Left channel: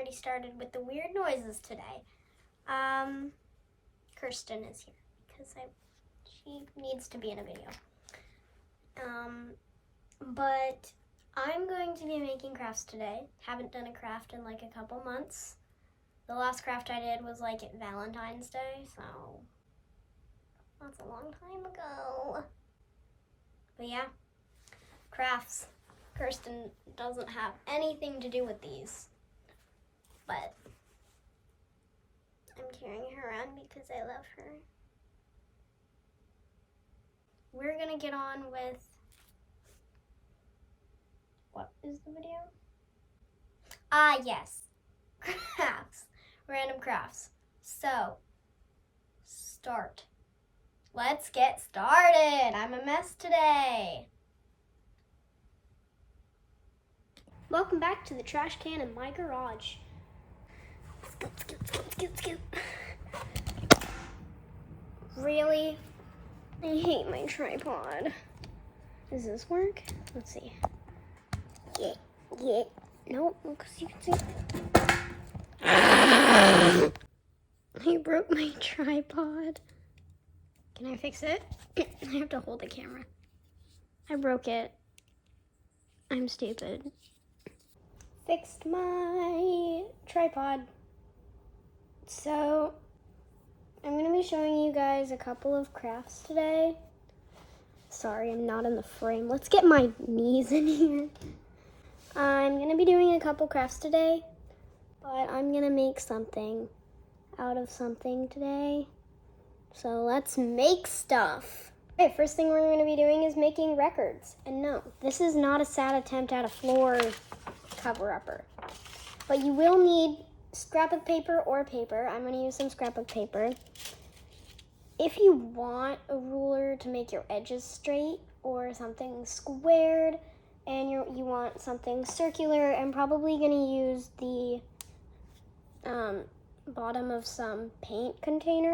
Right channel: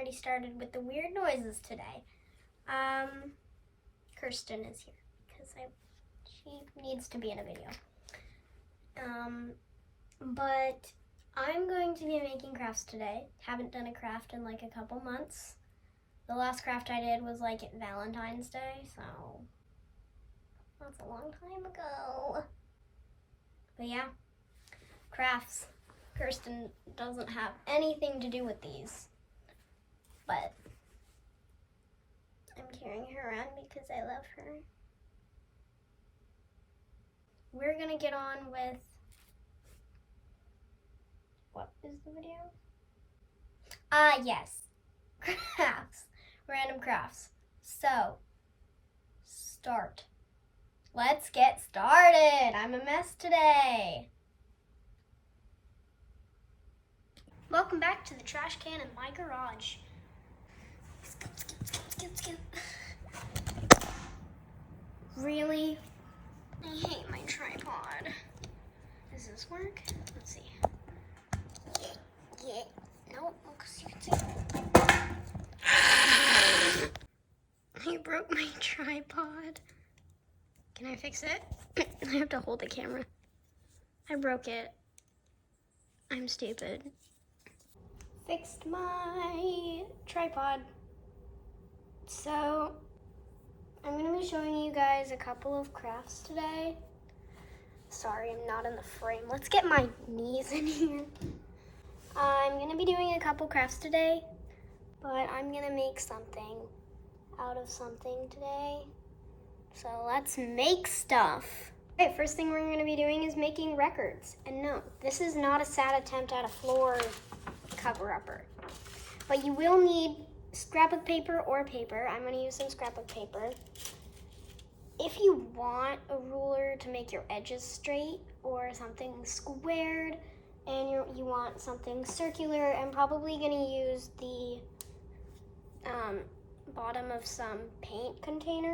already started with the weird noises today. Kirsten is here because she needs to be in a video. But I'm going to be making crafts today. Haven't done a craft in like a couple months. The last craft I did was like Valentine's Day, so that's a long time ago. But yeah, crafts. Kirsten doesn't have anything to do with these, but I'm carrying her around because I love her. We're gonna get on with, what is the video? Yes, crafts, random crafts. So, start. Let's get started. I'm a mess today. Welcome back to the trash can in my garage. Skip. Really? I hate my tripod. Does this work? Let's see. Yeah. Nope, because you can see. I broke my tripod. Can I fix it? I have to hold the camera. I broke it. I'm stupid. Fixed my tripod. So, I'm going to be showing you guys a couple of crafts today. Sorry, I'm not in the frame. Let's get my knees in here. I'm going to be doing a couple crafts today, but I'm going to make something out of something today. So let's make stuff. Okay, first thing we're going to be doing is making records. And no, this is not a sad attempt at a floor cover-upper. But you will need scrap of paper or paper. I'm going to use some scrap of paper. If you want a ruler to make your edges straight or something squared, and you want something circular, I'm probably going to use the bottom of some paint container.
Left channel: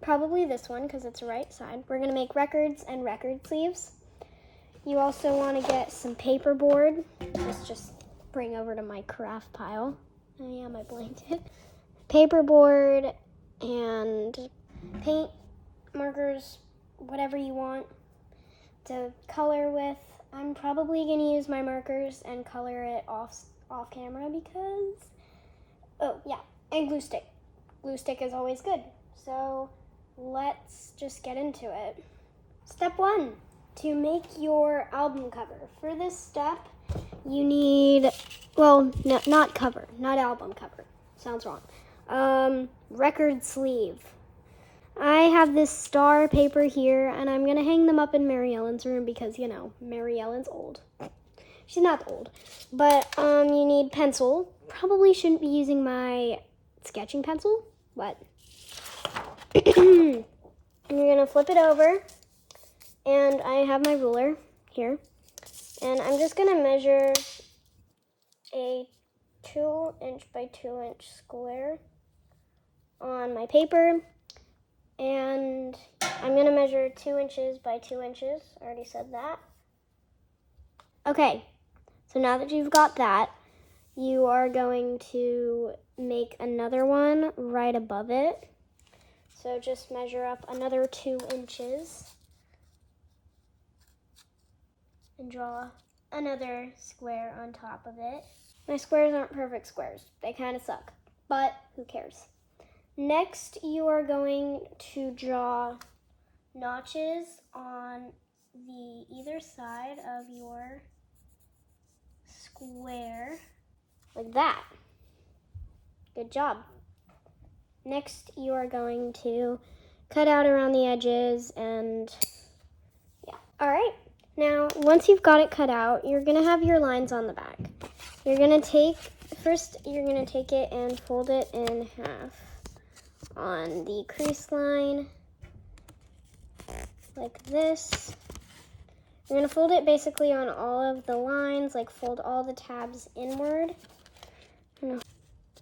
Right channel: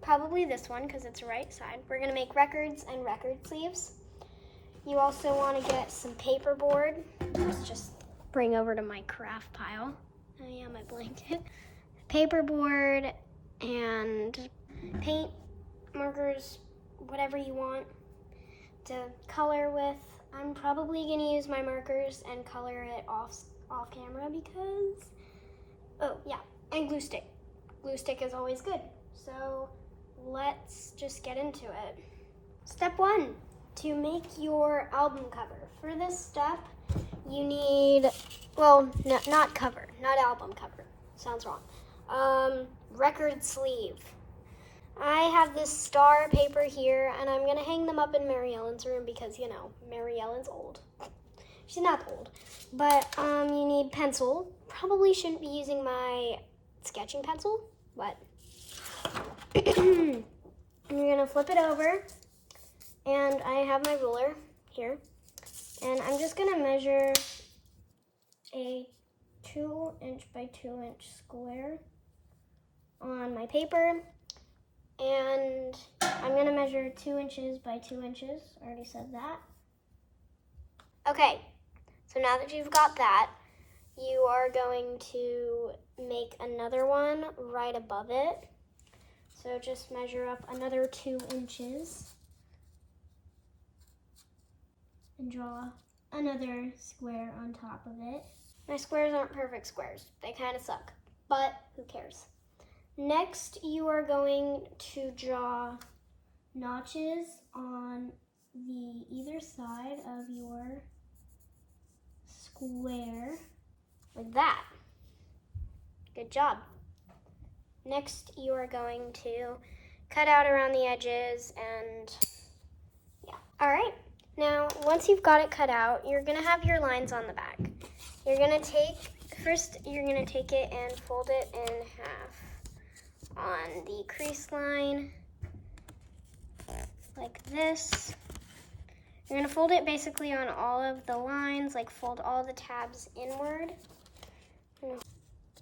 Probably this one because it's the right side. We're going to make records and record sleeves. You also want to get some paperboard. Just bring over to my craft pile. Oh yeah, my blanket. Paperboard and paint, markers, whatever you want to color with. I'm probably going to use my markers and color it off camera because, oh yeah, and glue stick. Glue stick is always good. So let's just get into it. Step 1, to make your album cover. For this step, you need, well, not cover, not album cover. Sounds wrong. Record sleeve. I have this star paper here, and I'm gonna hang them up in Mary Ellen's room because, you know, Mary Ellen's old. She's not old, but you need pencil. Probably shouldn't be using my sketching pencil, but you're gonna flip it over, and I have my ruler here, and I'm just gonna measure a 2" by 2" square on my paper, and I'm gonna measure 2" by 2". I already said that. Okay, so now that you've got that, you are going to make another one right above it. So just measure up another 2" and draw another square on top of it. My squares aren't perfect squares. They kind of suck, but who cares? Next, you are going to draw notches on the either side of your square like that. Good job. Next, you are going to cut out around the edges and yeah. All right, now once you've got it cut out, you're gonna have your lines on the back. You're gonna take it and fold it in half on the crease line like this. You're gonna fold it basically on all of the lines, like fold all the tabs inward.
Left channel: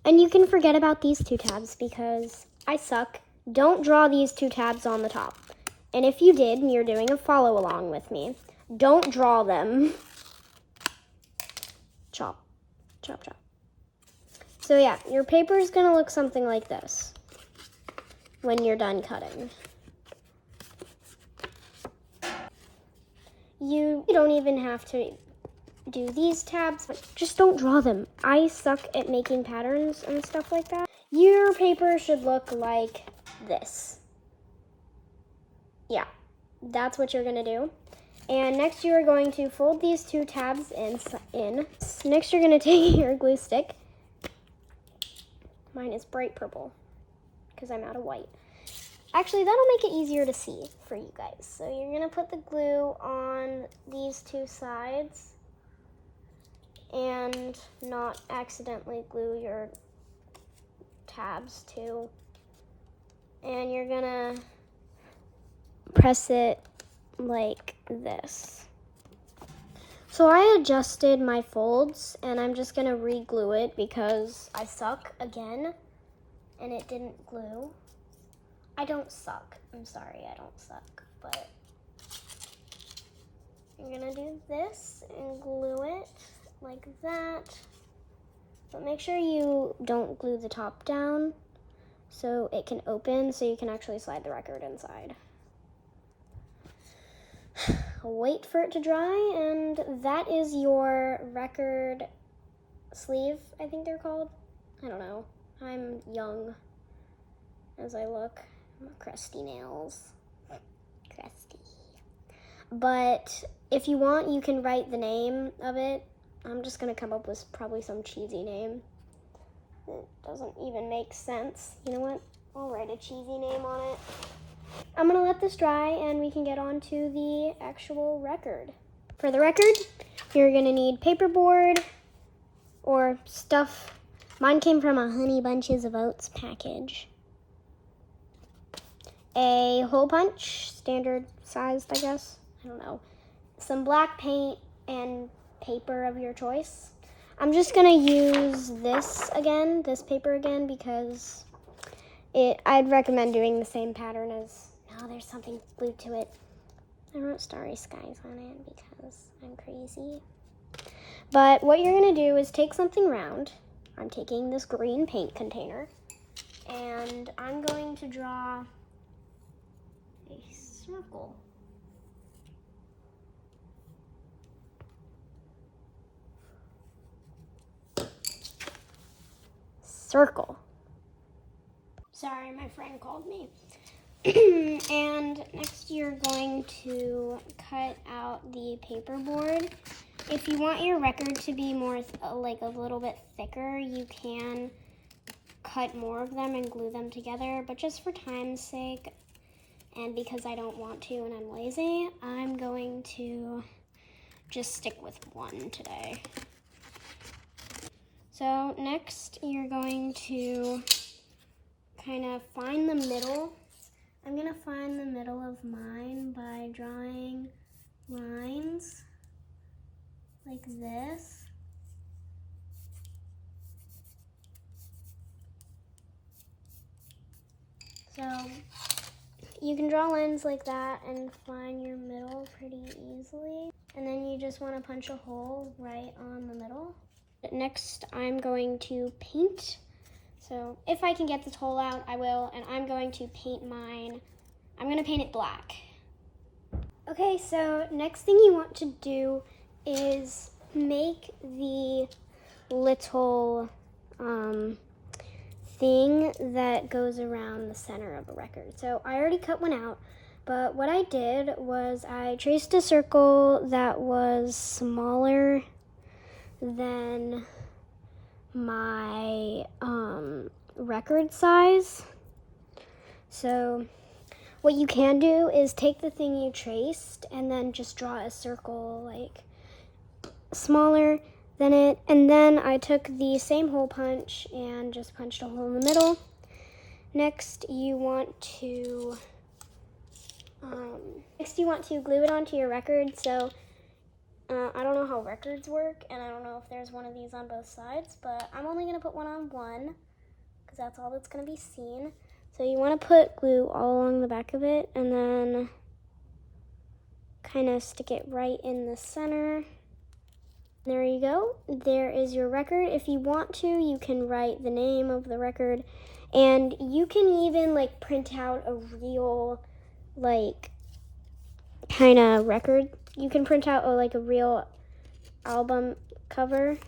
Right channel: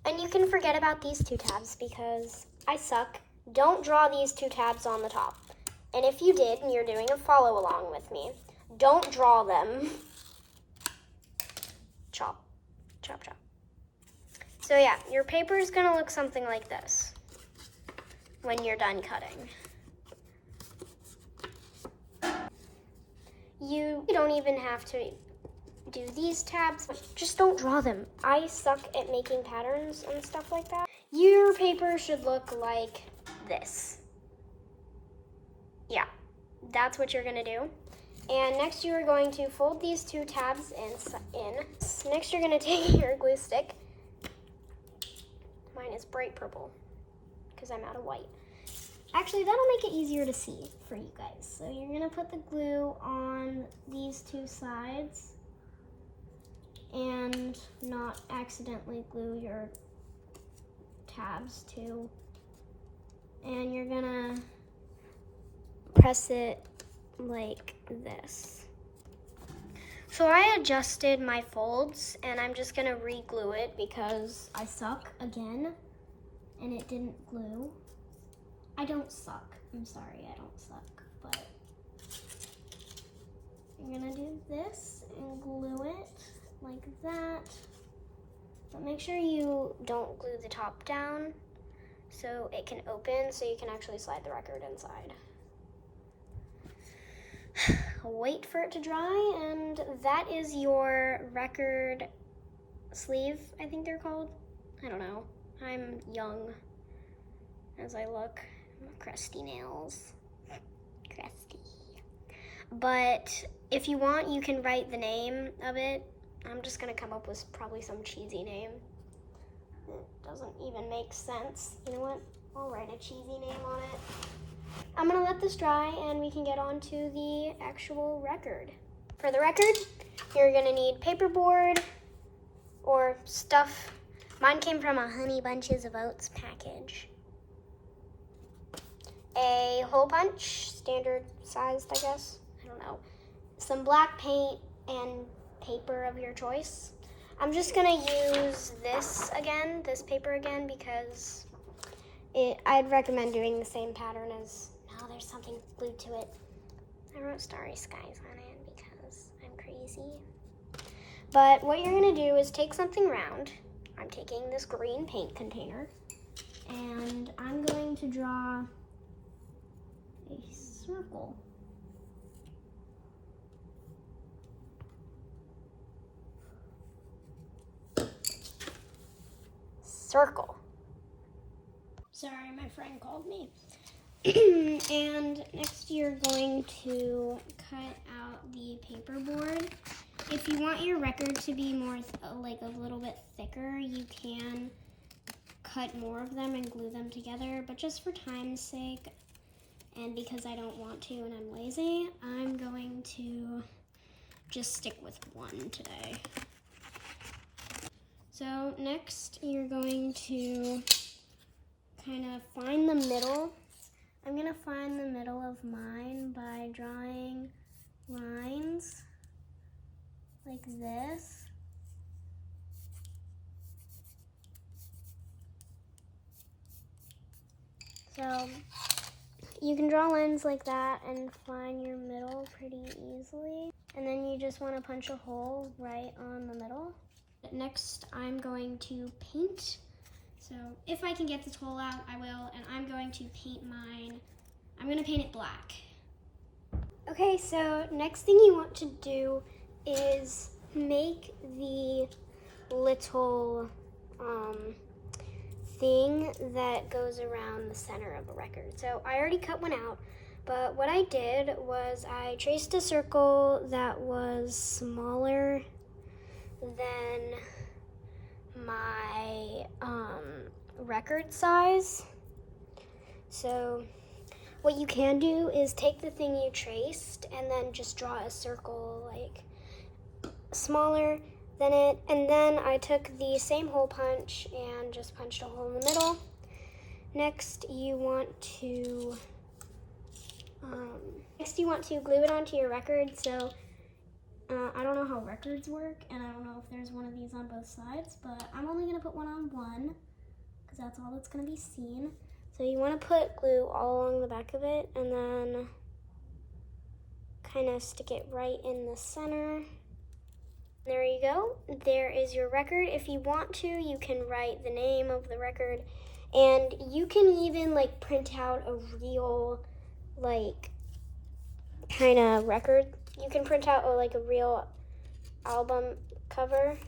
And you can forget about these 2 tabs because I suck. Don't draw these 2 tabs on the top. And if you did and you're doing a follow along with me, don't draw them. Chop, chop, chop. So yeah, your paper is gonna look something like this when you're done cutting. You don't even have to do these tabs, just don't draw them. I suck at making patterns and stuff like that. Your paper should look like this. Yeah, that's what you're gonna do. And next you are going to fold these two tabs in. Next you're gonna take your glue stick. Mine is bright purple because I'm out of white. Actually, that'll make it easier to see for you guys. So you're gonna put the glue on these two sides and not accidentally glue your tabs too. And you're gonna press it like this. So I adjusted my folds and I'm just gonna re-glue it because I suck again and it didn't glue. I don't suck. I'm sorry, I don't suck, but you're gonna do this and glue it like that. But make sure you don't glue the top down so it can open so you can actually slide the record inside. Wait for it to dry, and that is your record sleeve, I think they're called. I don't know. I'm young as I look. Crusty nails. Crusty. But if you want, you can write the name of it. I'm just gonna come up with probably some cheesy name. It doesn't even make sense. You know what? I'll write a cheesy name on it. I'm gonna let this dry and we can get on to the actual record. For the record, you're gonna need paperboard or stuff. Mine came from a Honey Bunches of Oats package. A hole punch, standard sized, I guess. I don't know. Some black paint and paper of your choice. I'm just gonna use this paper again, because I'd recommend doing the same pattern as, no, there's something glued to it. I wrote Starry Skies on it because I'm crazy. But what you're gonna do is take something round. I'm taking this green paint container and I'm going to draw a circle. Circle. Sorry, my friend called me. And next you're going to cut out the paperboard. If you want your record to be more like a little bit thicker, you can cut more of them and glue them together, but just for time's sake and because I don't want to and I'm lazy, I'm going to just stick with one today. So next you're going to kind of find the middle. I'm going to find the middle of mine by drawing lines like this. So you can draw lines like that and find your middle pretty easily. And then you just want to punch a hole right on the middle. Next, I'm going to paint. So if I can get this hole out, I will, and I'm going to paint mine. I'm going to paint it black. Okay, so next thing you want to do is make the little thing that goes around the center of a record. So I already cut one out, but what I did was I traced a circle that was smaller than my record size. So what you can do is take the thing you traced and then just draw a circle like smaller than it, and then I took the same hole punch and just punched a hole in the middle. Next you want to glue it onto your record. So I don't know how records work, and I don't know if there's one of these on both sides, but I'm only gonna put one on one because that's all that's gonna be seen. So you want to put glue all along the back of it and then kind of stick it right in the center. There you go. There is your record. If you want to, you can write the name of the record, and you can even like print out a real like kind of record. You can print out a real album cover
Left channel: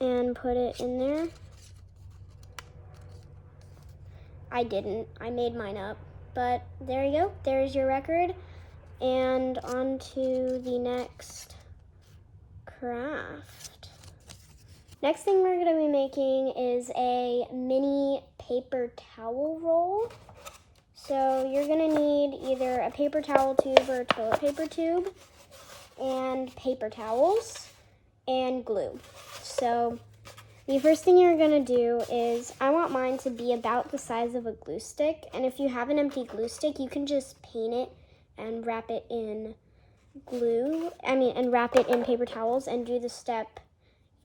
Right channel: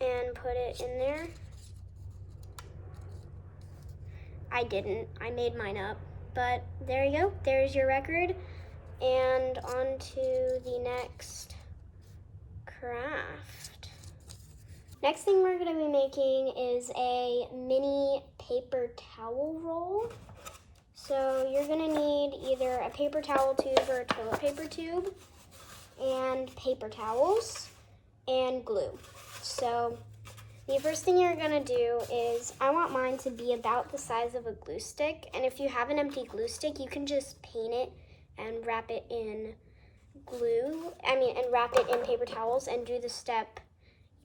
and put it in there. I didn't. I made mine up. But there you go. There's your record. And on to the next craft. Next thing we're going to be making is a mini paper towel roll. So you're going to need either a paper towel tube or a toilet paper tube, and paper towels, and glue. So the first thing you're going to do is, I want mine to be about the size of a glue stick, and if you have an empty glue stick, you can just paint it and wrap it in and wrap it in paper towels and do the step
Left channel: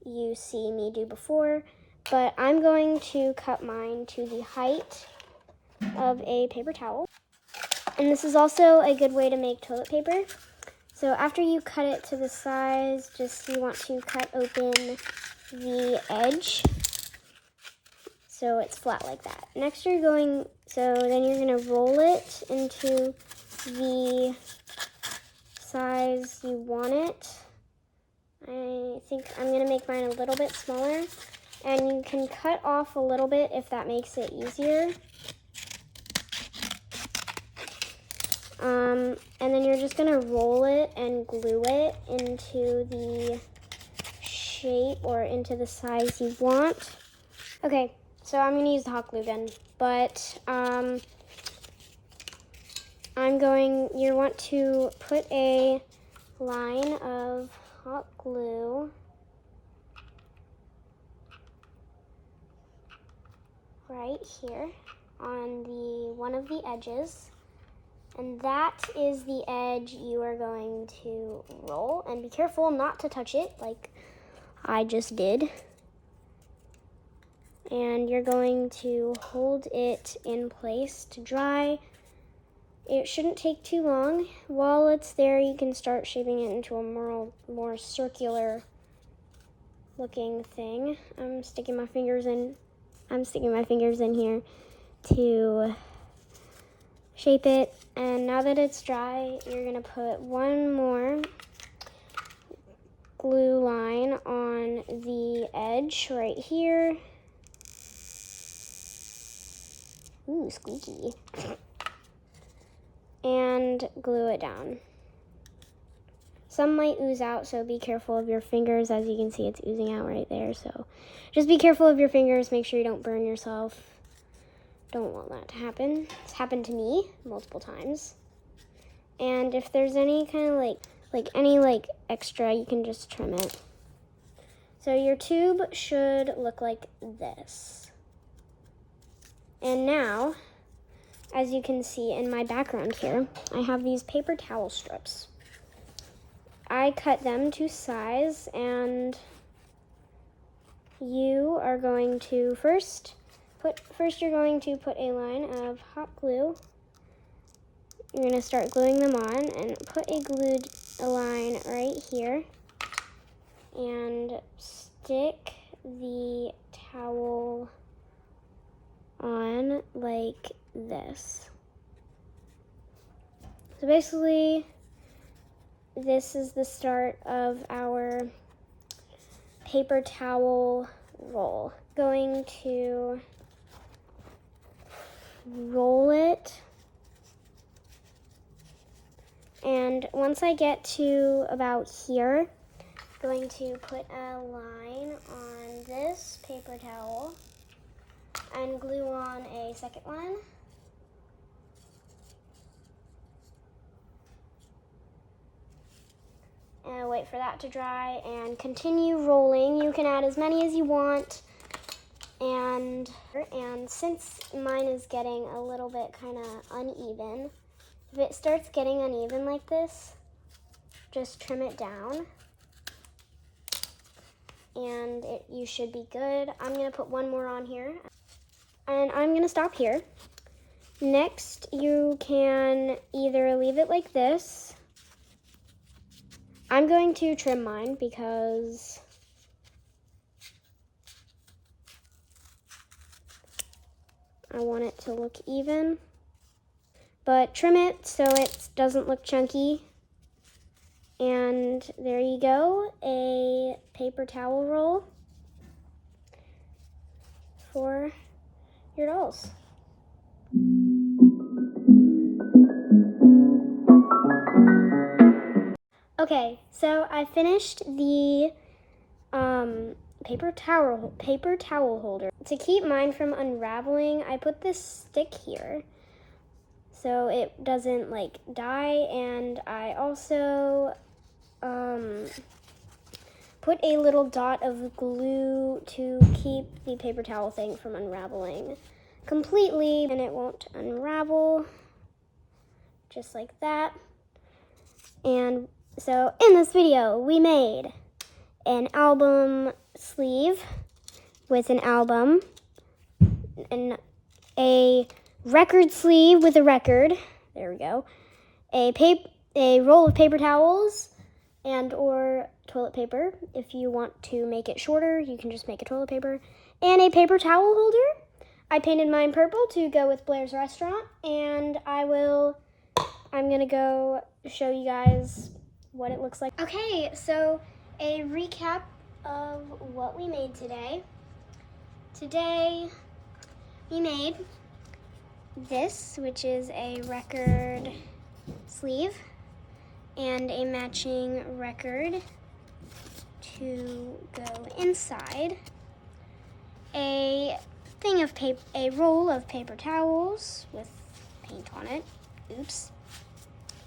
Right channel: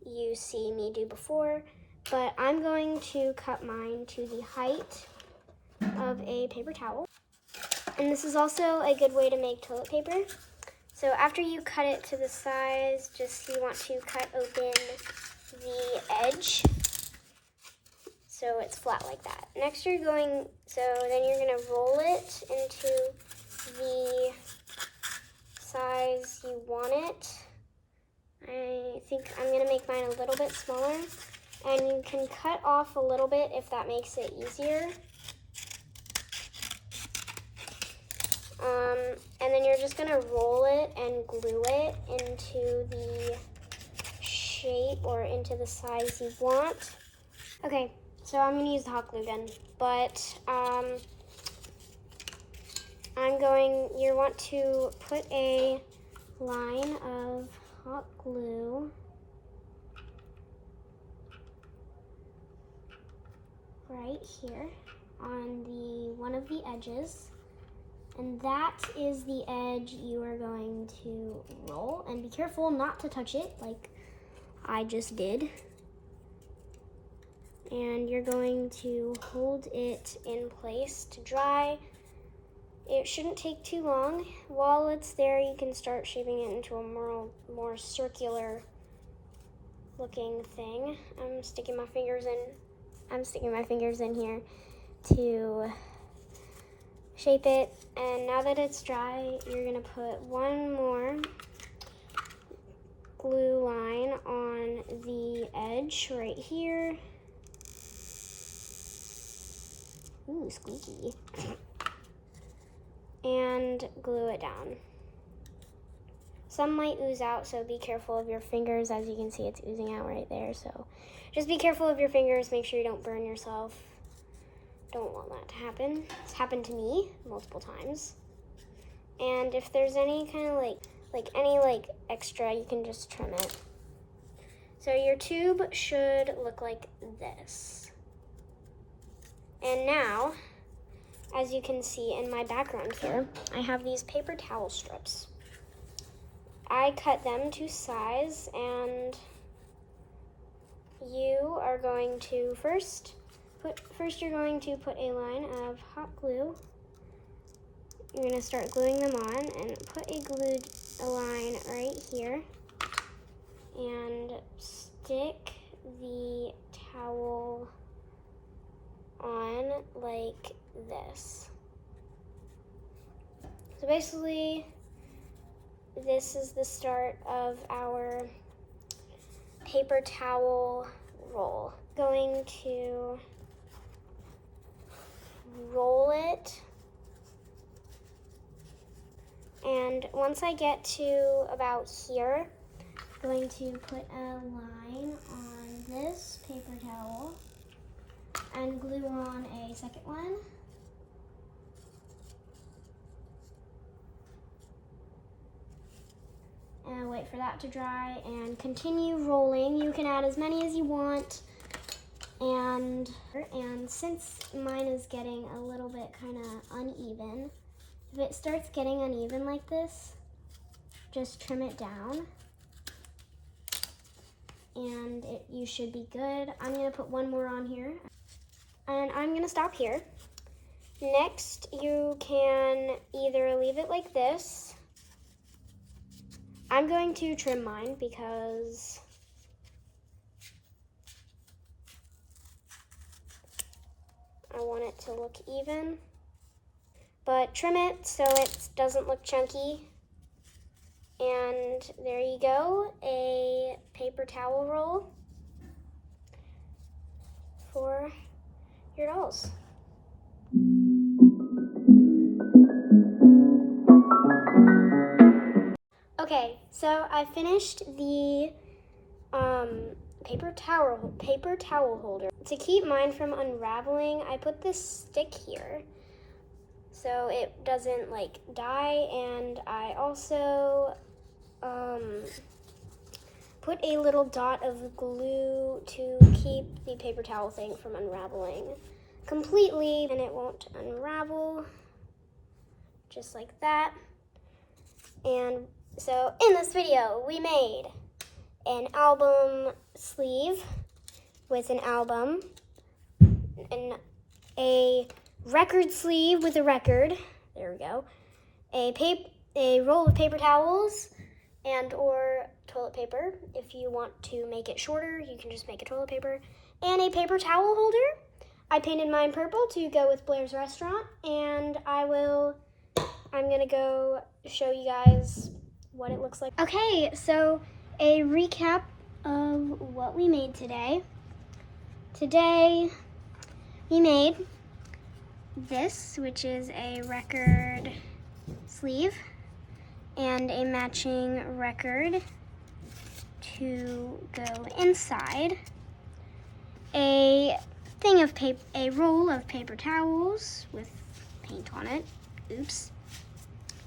you see me do before. But I'm going to cut mine to the height of a paper towel. And this is also a good way to make toilet paper. So after you cut it to the size, you want to cut open the edge so it's flat like that. Next then you're going to roll it into the size you want it. I think I'm going to make mine a little bit smaller, and you can cut off a little bit if that makes it easier. And then you're just going to roll it and glue it into the shape or into the size you want. Okay, so I'm going to use the hot glue gun, but you want to put a line of hot glue right here on one of the edges. And that is the edge you are going to roll. And be careful not to touch it like I just did. And you're going to hold it in place to dry. It shouldn't take too long. While it's there, you can start shaping it into a more circular looking thing. I'm sticking my fingers in here to shape it. And now that it's dry, you're gonna put one more glue line on the edge right here. Ooh, squeaky. And glue it down. Some might ooze out, so be careful of your fingers. As you can see, it's oozing out right there, so just be careful of your fingers. Make sure you don't burn yourself. Don't want that to happen. It's happened to me multiple times. And if there's any kind of any extra, you can just trim it. So your tube should look like this. And now, as you can see in my background here, I have these paper towel strips. I cut them to size, and you are going to first you're going to put a line of hot glue. You're going to start gluing them on and put a line right here and stick the towel on like this. So basically, this is the start of our paper towel roll. Going to roll it, and once I get to about here, I'm going to put a line on this paper towel and glue on a second one. And wait for that to dry and continue rolling. You can add as many as you want. And since mine is getting a little bit kind of uneven, if it starts getting uneven like this, just trim it down. And you should be good. I'm going to put one more on here. And I'm going to stop here. Next, you can either leave it like this. I'm going to trim mine because I want it to look even. But trim it so it doesn't look chunky. And there you go, a paper towel roll for your dolls. Okay, so I finished the paper towel holder. To keep mine from unraveling, I put this stick here so it doesn't like die, and I also put a little dot of glue to keep the paper towel thing from unraveling completely, and it won't unravel, just like that. And so in this video, we made an album sleeve with an album, and a record sleeve with a record, there we go, a roll of paper towels, and or toilet paper. If you want to make it shorter, you can just make a toilet paper, and a paper towel holder. I painted mine purple to go with Blair's restaurant, and I'm gonna go show you guys what it looks like. Okay, so a recap of what we made today. Today we made this, which is a record sleeve and a matching record to go inside, a roll of paper towels with paint on it, oops,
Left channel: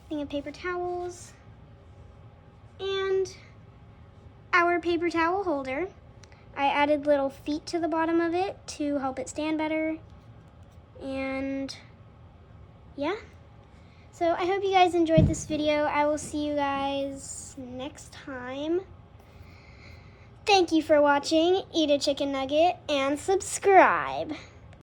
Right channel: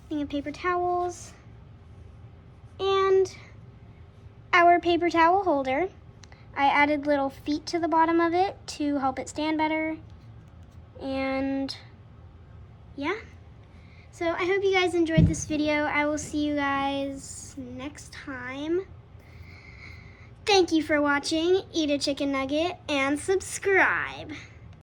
thing of paper towels, and our paper towel holder. I added little feet to the bottom of it to help it stand better, and yeah. So I hope you guys enjoyed this video. I will see you guys next time. Thank you for watching. Eat a chicken nugget and subscribe.